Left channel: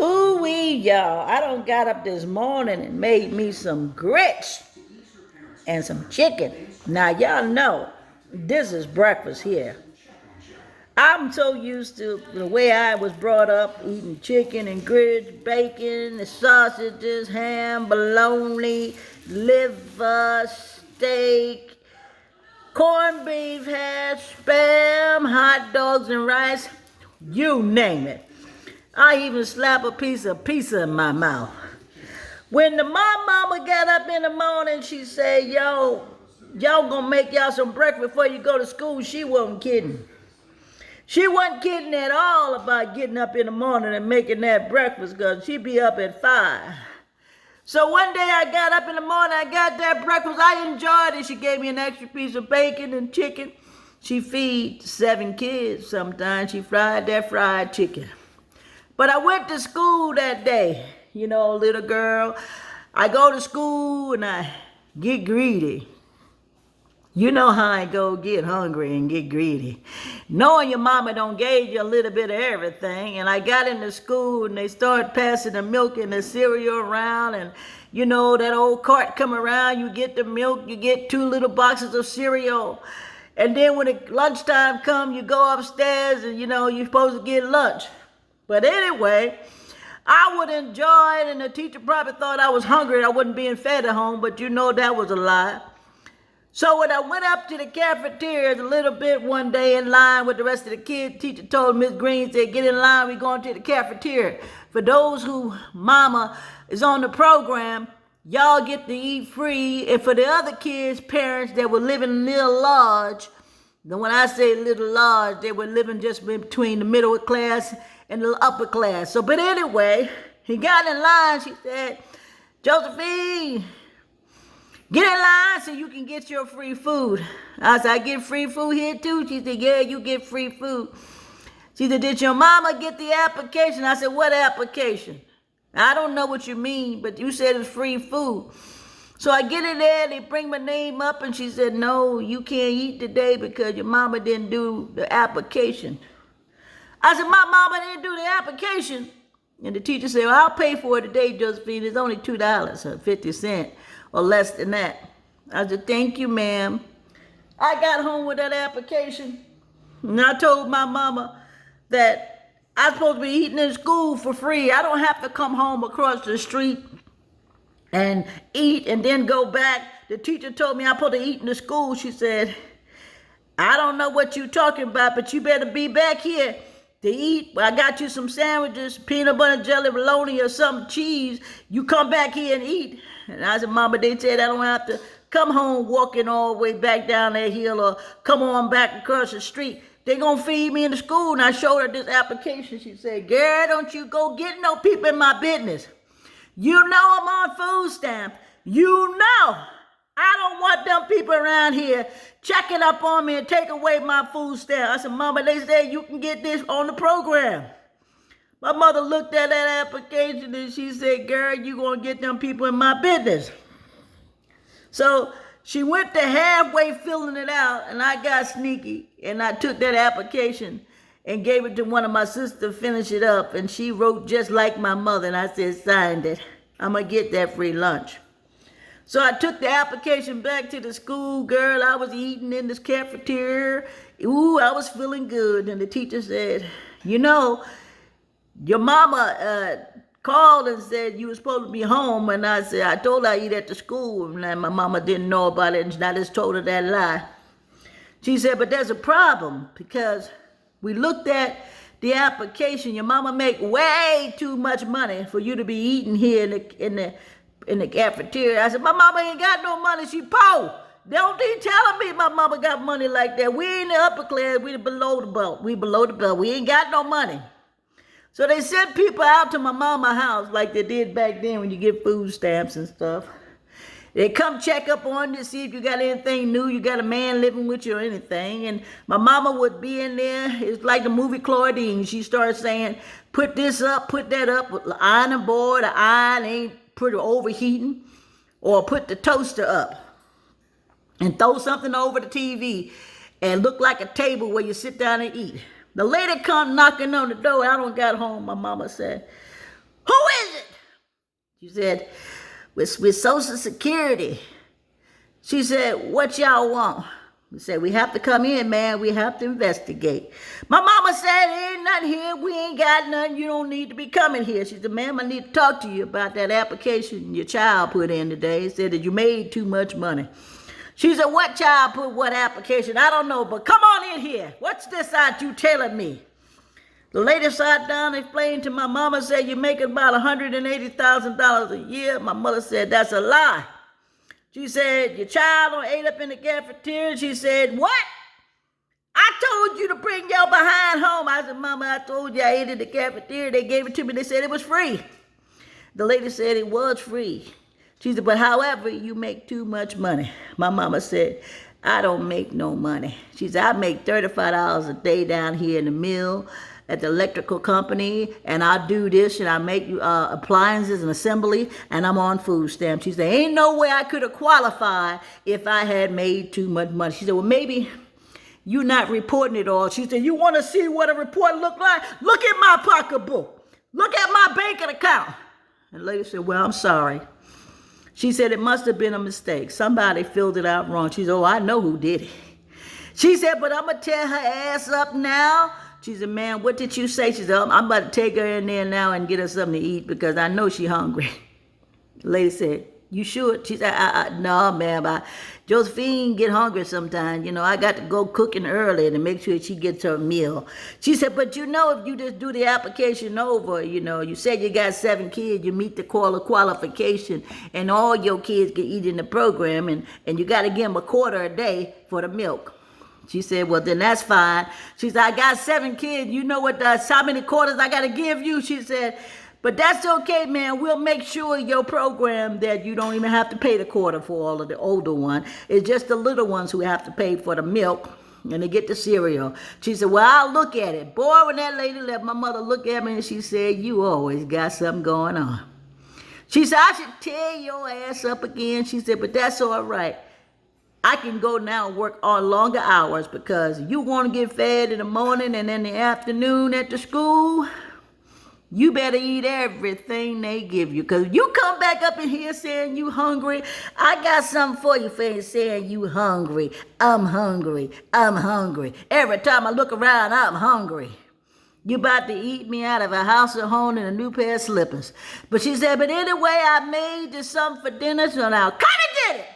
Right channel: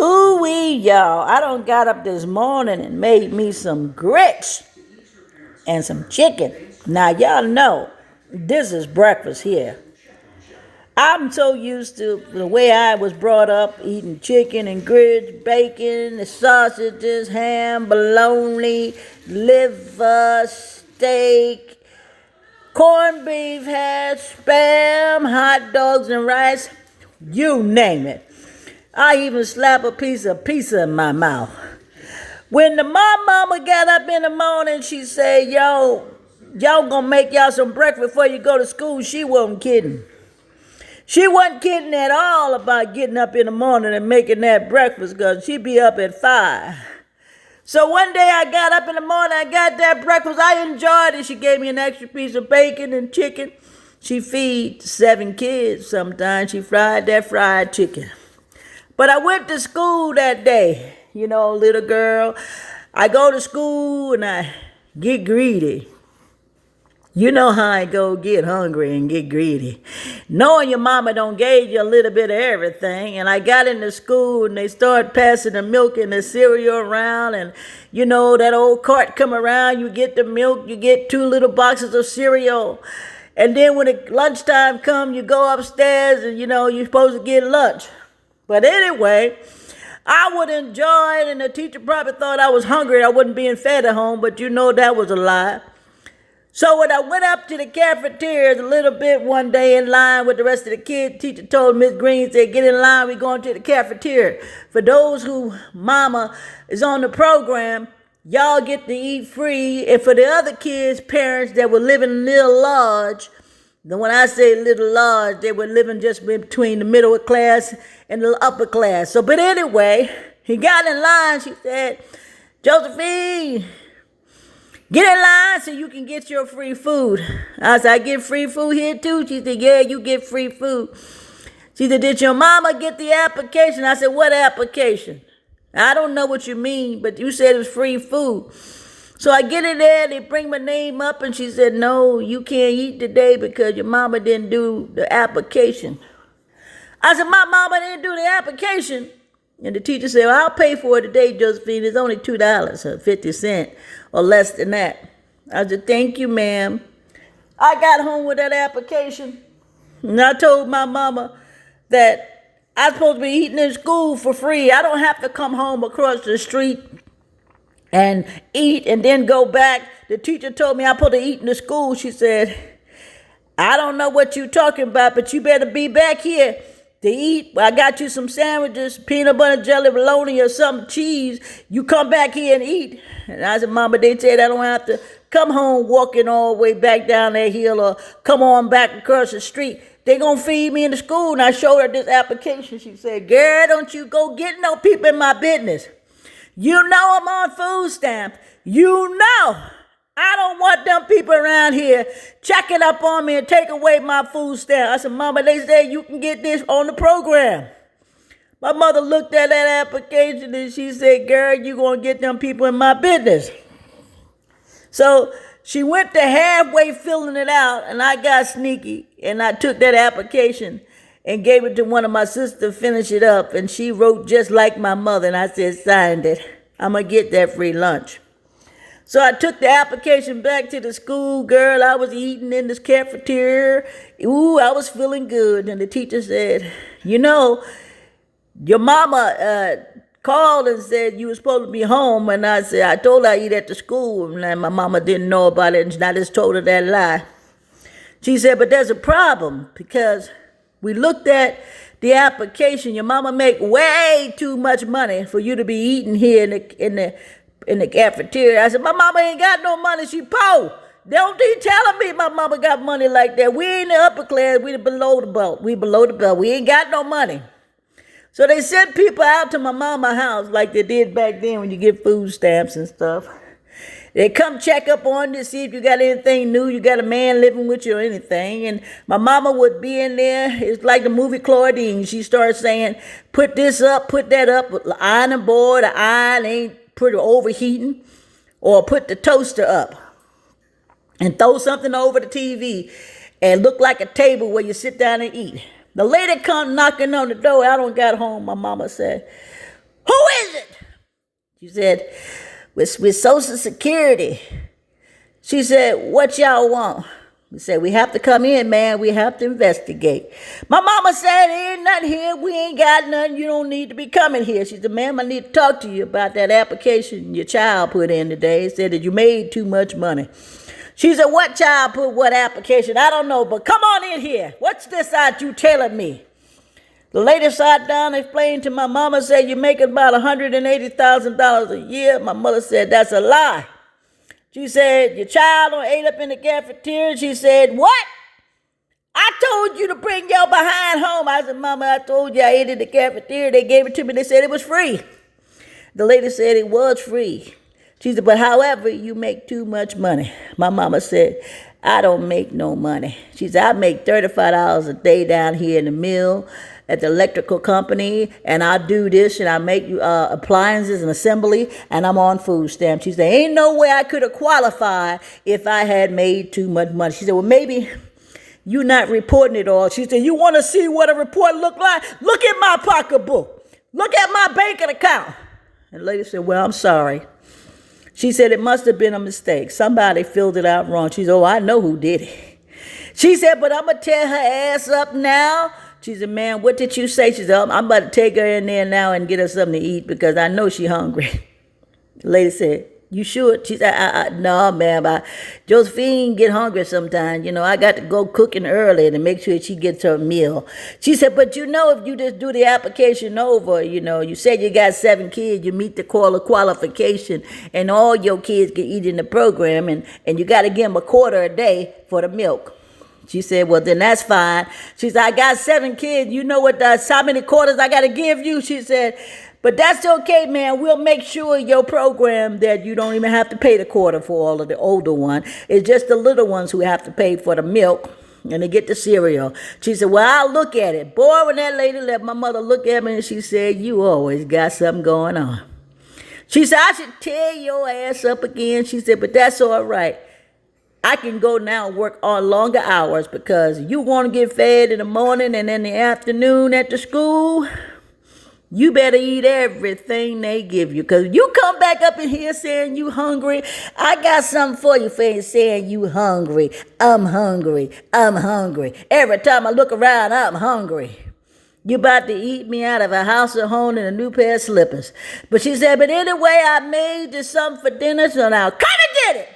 Ooh wee, y'all. I done got up this morning and made me some grits and some chicken. Now, y'all know this is breakfast here. I'm so used to the way I was brought up eating chicken and grits, bacon, the sausages, ham, bologna, liver, steak, corned beef hash, spam, hot dogs and rice, you name it. I even slap a piece of pizza in my mouth. When my mama got up in the morning, she said, yo, y'all gonna make y'all some breakfast before you go to school. She wasn't kidding. She wasn't kidding at all about getting up in the morning and making that breakfast because she'd be up at 5. So one day I got up in the morning, I got that breakfast. I enjoyed it. She gave me an extra piece of bacon and chicken. She feeds 7 kids sometimes. She fried that fried chicken. But I went to school that day, little girl. I go to school and I get greedy. You know how I go get hungry and get greedy. Knowing your mama don't gave you a little bit of everything. And I got into school and they started passing the milk and the cereal around. And that old cart come around, you get the milk, you get 2 little boxes of cereal. And then when the lunchtime come, you go upstairs and you're supposed to get lunch. But anyway, I would enjoy it, and the teacher probably thought I was hungry. I wasn't being fed at home, but that was a lie. So when I went up to the cafeteria a little bit one day in line with the rest of the kids, teacher told Miss Green, said, get in line, we're going to the cafeteria. For those who mama is on the program, y'all get to eat free. And for the other kids' parents that were living in Little Lodge, then when I say Little Lodge, they were living just between the middle class and the upper class. So, but anyway, he got in line. She said, Josephine, get in line so you can get your free food. I said, I get free food here too? She said, yeah, you get free food. She said, did your mama get the application? I said, what application? I don't know what you mean, but you said it was free food. So I get in there, they bring my name up, and she said, no, you can't eat today because your mama didn't do the application. I said, my mama didn't do the application. And the teacher said, well, I'll pay for it today, Josephine. It's only $2.50 or less than that. I said, thank you, ma'am. I got home with that application. And I told my mama that I'm supposed to be eating in school for free. I don't have to come home across the street and eat and then go back. The teacher told me I'm supposed to eat in the school. She said, I don't know what you're talking about, but you better be back here to eat. I got you some sandwiches, peanut butter jelly, bologna, or some cheese. You come back here and eat. And I said, Mama, they said I don't have to come home walking all the way back down that hill or come on back across the street. They gonna feed me in the school. And I showed her this application. She said, girl, don't you go get no people in my business. You know I'm on food stamps. You know I don't want them people around here checking up on me and take away my food stamp. I said, Mama, they said you can get this on the program. My mother looked at that application and she said, girl, you going to get them people in my business. So she went to halfway filling it out, and I got sneaky, and I took that application and gave it to one of my sisters to finish it up, and she wrote just like my mother, and I said, signed it. I'm going to get that free lunch. So I took the application back to the school. Girl, I was eating in this cafeteria. Ooh, I was feeling good. And the teacher said, your mama called and said you were supposed to be home. And I said, I told her I eat at the school. And my mama didn't know about it. And I just told her that lie. She said, but there's a problem because we looked at the application. Your mama make way too much money for you to be eating here in the cafeteria. I said, my mama ain't got no money. She poor. Don't be telling me my mama got money like that. We ain't the upper class. We below the belt. We below the belt. We ain't got no money. So they sent people out to my mama's house like they did back then when you get food stamps and stuff. They come check up on you, see if you got anything new, you got a man living with you or anything. And my mama would be in there. It's like the movie Claudine. She started saying, put this up, put that up. The ironing board, the iron ain't pretty overheating. Or put the toaster up. And throw something over the TV. And look like a table where you sit down and eat. The lady come knocking on the door. I don't got home. My mama said, "Who is it?" She said, with Social Security. She said, "What y'all want?" We said, "We have to come in, man. We have to investigate." My mama said, "Ain't nothing here. We ain't got nothing. You don't need to be coming here." She said, "Ma'am, I need to talk to you about that application your child put in today. Said that you made too much money." She said, "What child put what application?" "I don't know, but come on in here. What's this out you telling me?" The lady sat down and explained to my mama, said, "You're making about $180,000 a year." My mother said, "That's a lie." She said, "Your child done ate up in the cafeteria." She said, "What? I told you to bring your behind home." I said, "Mama, I told you I ate in the cafeteria. They gave it to me. They said it was free." The lady said it was free. She said, "But however, you make too much money." My mama said, "I don't make no money." She said, "I make $35 a day down here in the mill at the electrical company, and I do this, and I make appliances and assembly, and I'm on food stamps." She said, "Ain't no way I could have qualified if I had made too much money." She said, "Well, maybe you not reporting it all." She said, "You want to see what a report look like? Look at my pocketbook. Look at my banking account." And the lady said, "Well, I'm sorry." She said, "It must have been a mistake. Somebody filled it out wrong." She said, "Oh, I know who did it." She said, "But I'm going to tear her ass up now." She said, "Man, what did you say?" She said, "I'm about to take her in there now and get her something to eat because I know she's hungry." The lady said, "You sure?" She said, "No, ma'am. Josephine get hungry sometimes. You know, I got to go cooking early to make sure she gets her meal." She said, "But you know, if you just do the application over, you know, you said you got 7 kids, you meet the qualification, and all your kids can eat in the program, and you got to give them a quarter a day for the milk." She said, "Well, then that's fine." She said, "I got 7 kids. You know how many quarters I got to give you?" She said, "But that's okay, man. We'll make sure your program that you don't even have to pay the quarter for all of the older ones. It's just the little ones who have to pay for the milk and they get the cereal." She said, "Well, I'll look at it." Boy, when that lady let my mother look at me, and she said, "You always got something going on." She said, "I should tear your ass up again." She said, "But that's all right. I can go now and work on longer hours because you want to get fed in the morning and in the afternoon at the school. You better eat everything they give you because you come back up in here saying you hungry. I got something for you for saying you hungry. I'm hungry. I'm hungry. Every time I look around, I'm hungry. You about to eat me out of a house of home and a new pair of slippers." But she said, "But anyway, I made you something for dinner, so now come and get it."